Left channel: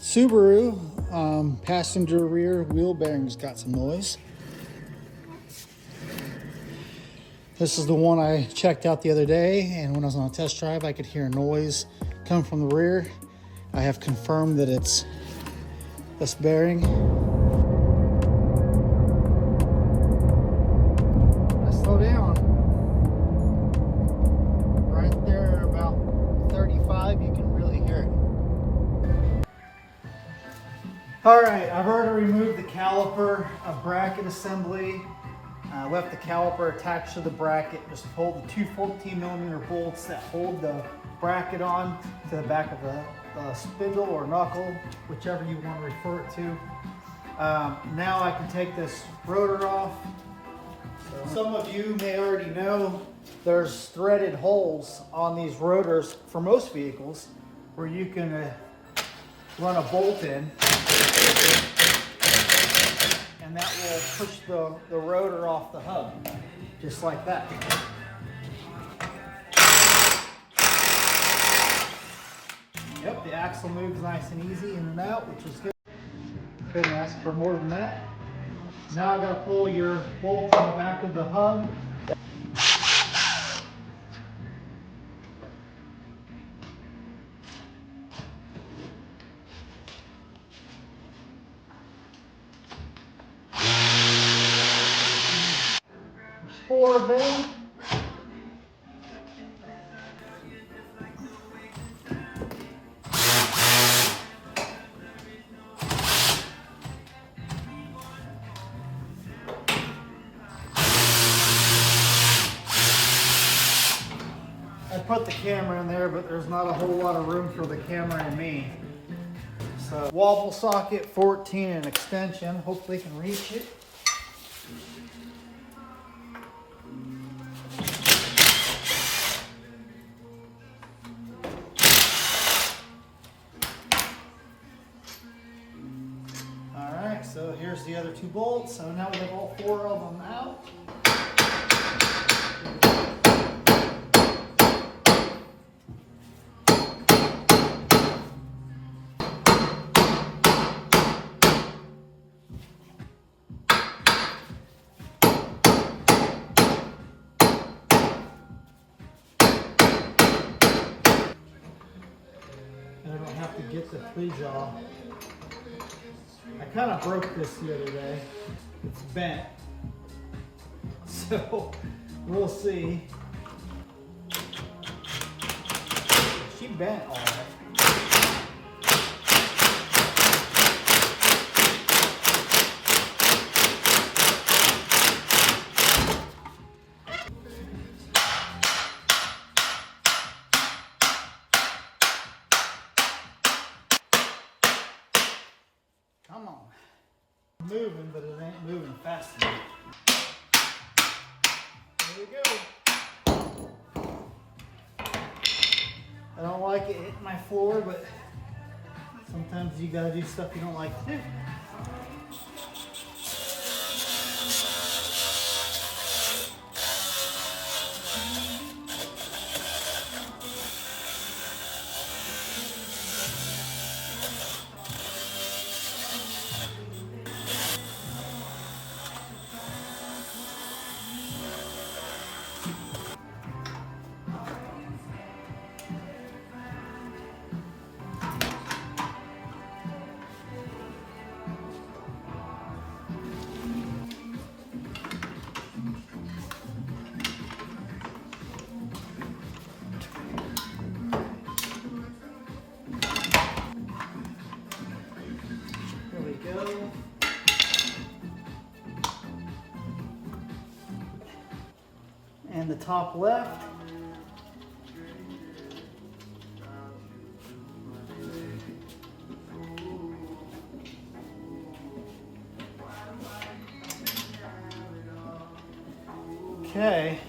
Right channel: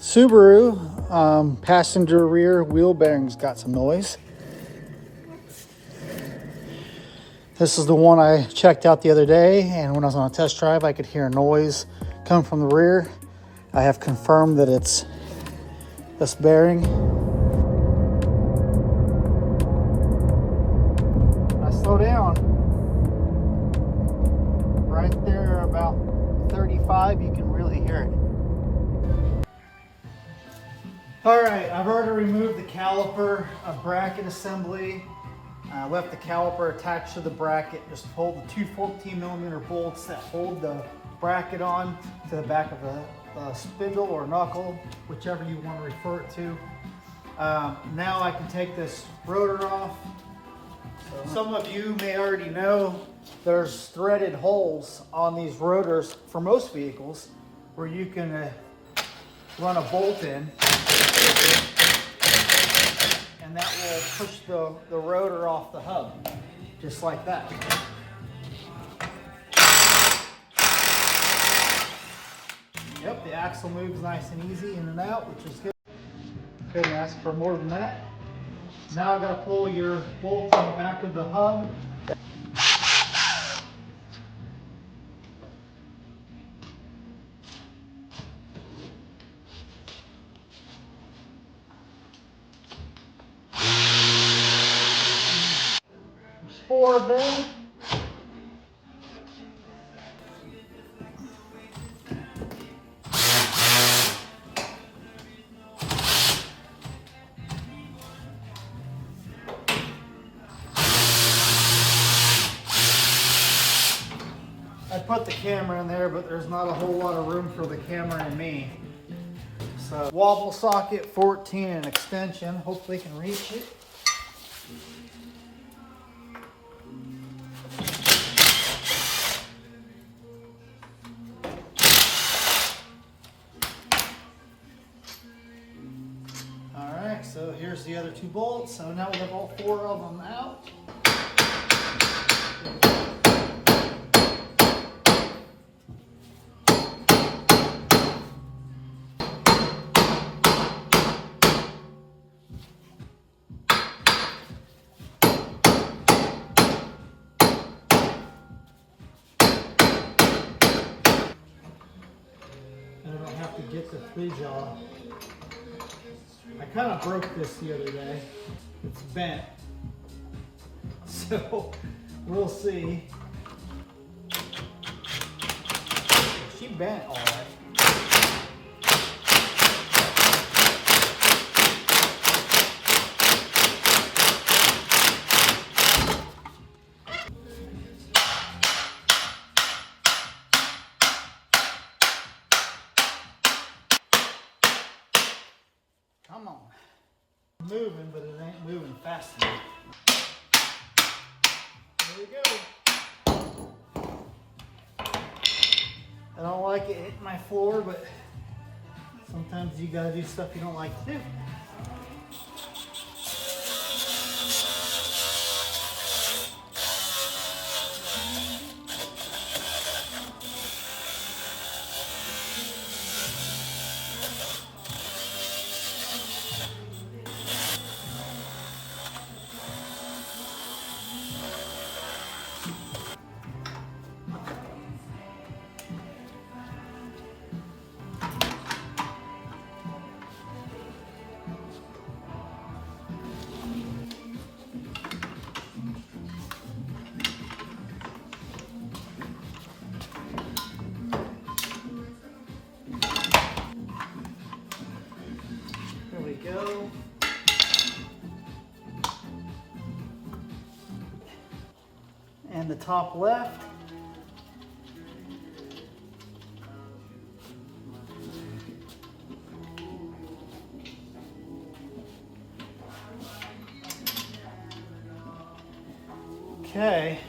Subaru passenger rear wheel bearings got some noise. This is the one I checked out the other day, and when I was on a test drive, I could hear a noise come from the rear. I have confirmed that it's this bearing. I slow down. Right there, about 35, you can really hear it. All right, I've already removed the caliper bracket assembly. Left the caliper attached to the bracket. Just pulled the two 14mm bolts that hold the bracket on to the back of the spindle or knuckle, whichever you want to refer it to. Now I can take this rotor off. So some of you may already know there's threaded holes on these rotors for most vehicles where you can run a bolt in, and that will push the rotor off the hub, just like that. Yep, the axle moves nice and easy in and out, which is good. Couldn't ask for more than that. Now I've got to pull your bolt on the back of the hub. There's 4 of them. I put the camera in there, but there's not a whole lot of room for the camera and me. So wobble socket 14 and extension. Hopefully you can reach it. All right, so here's the other 2 bolts. So now we have all 4 of them out. To get the 3-jaw. I kind of broke this the other day. It's bent. So we'll see. She bent all right. Come on. Moving, but it ain't moving fast enough. There we go. I don't like it hitting my floor, but sometimes you gotta do stuff you don't like to do. Go. And the top left. Okay.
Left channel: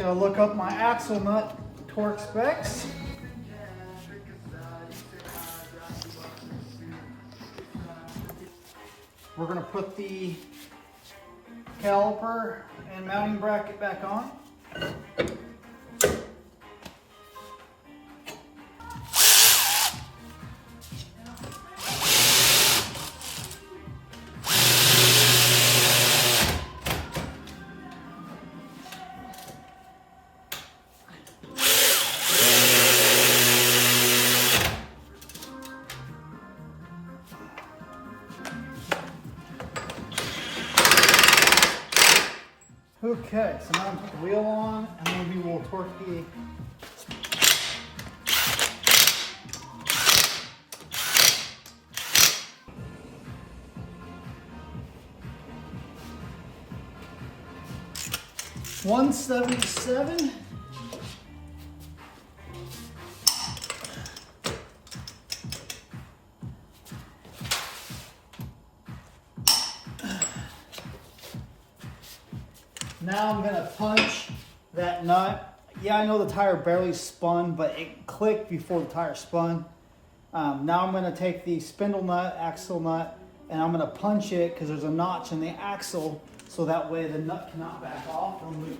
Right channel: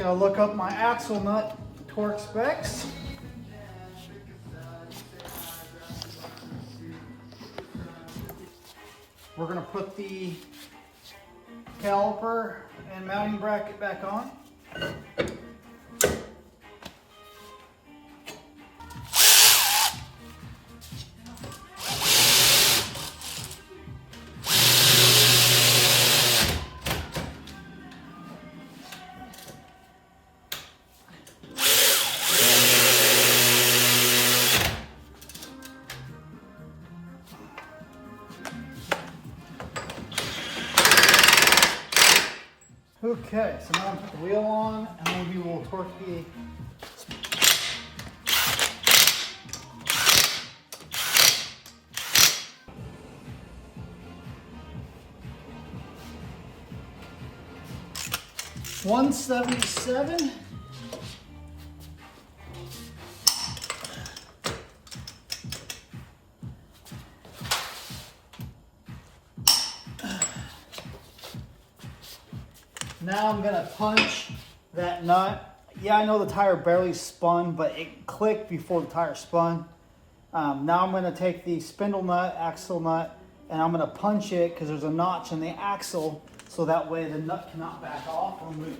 Gotta look up my axle nut torque specs. We're gonna put the caliper and mounting bracket back on. Okay, so now I'm put the wheel on, and then we will torque the $177. Now I'm gonna punch that nut. Yeah, I know the tire barely spun, but it clicked before the tire spun. Now I'm gonna take the spindle nut, axle nut, and I'm gonna punch it because there's a notch in the axle, so that way the nut cannot back off or move.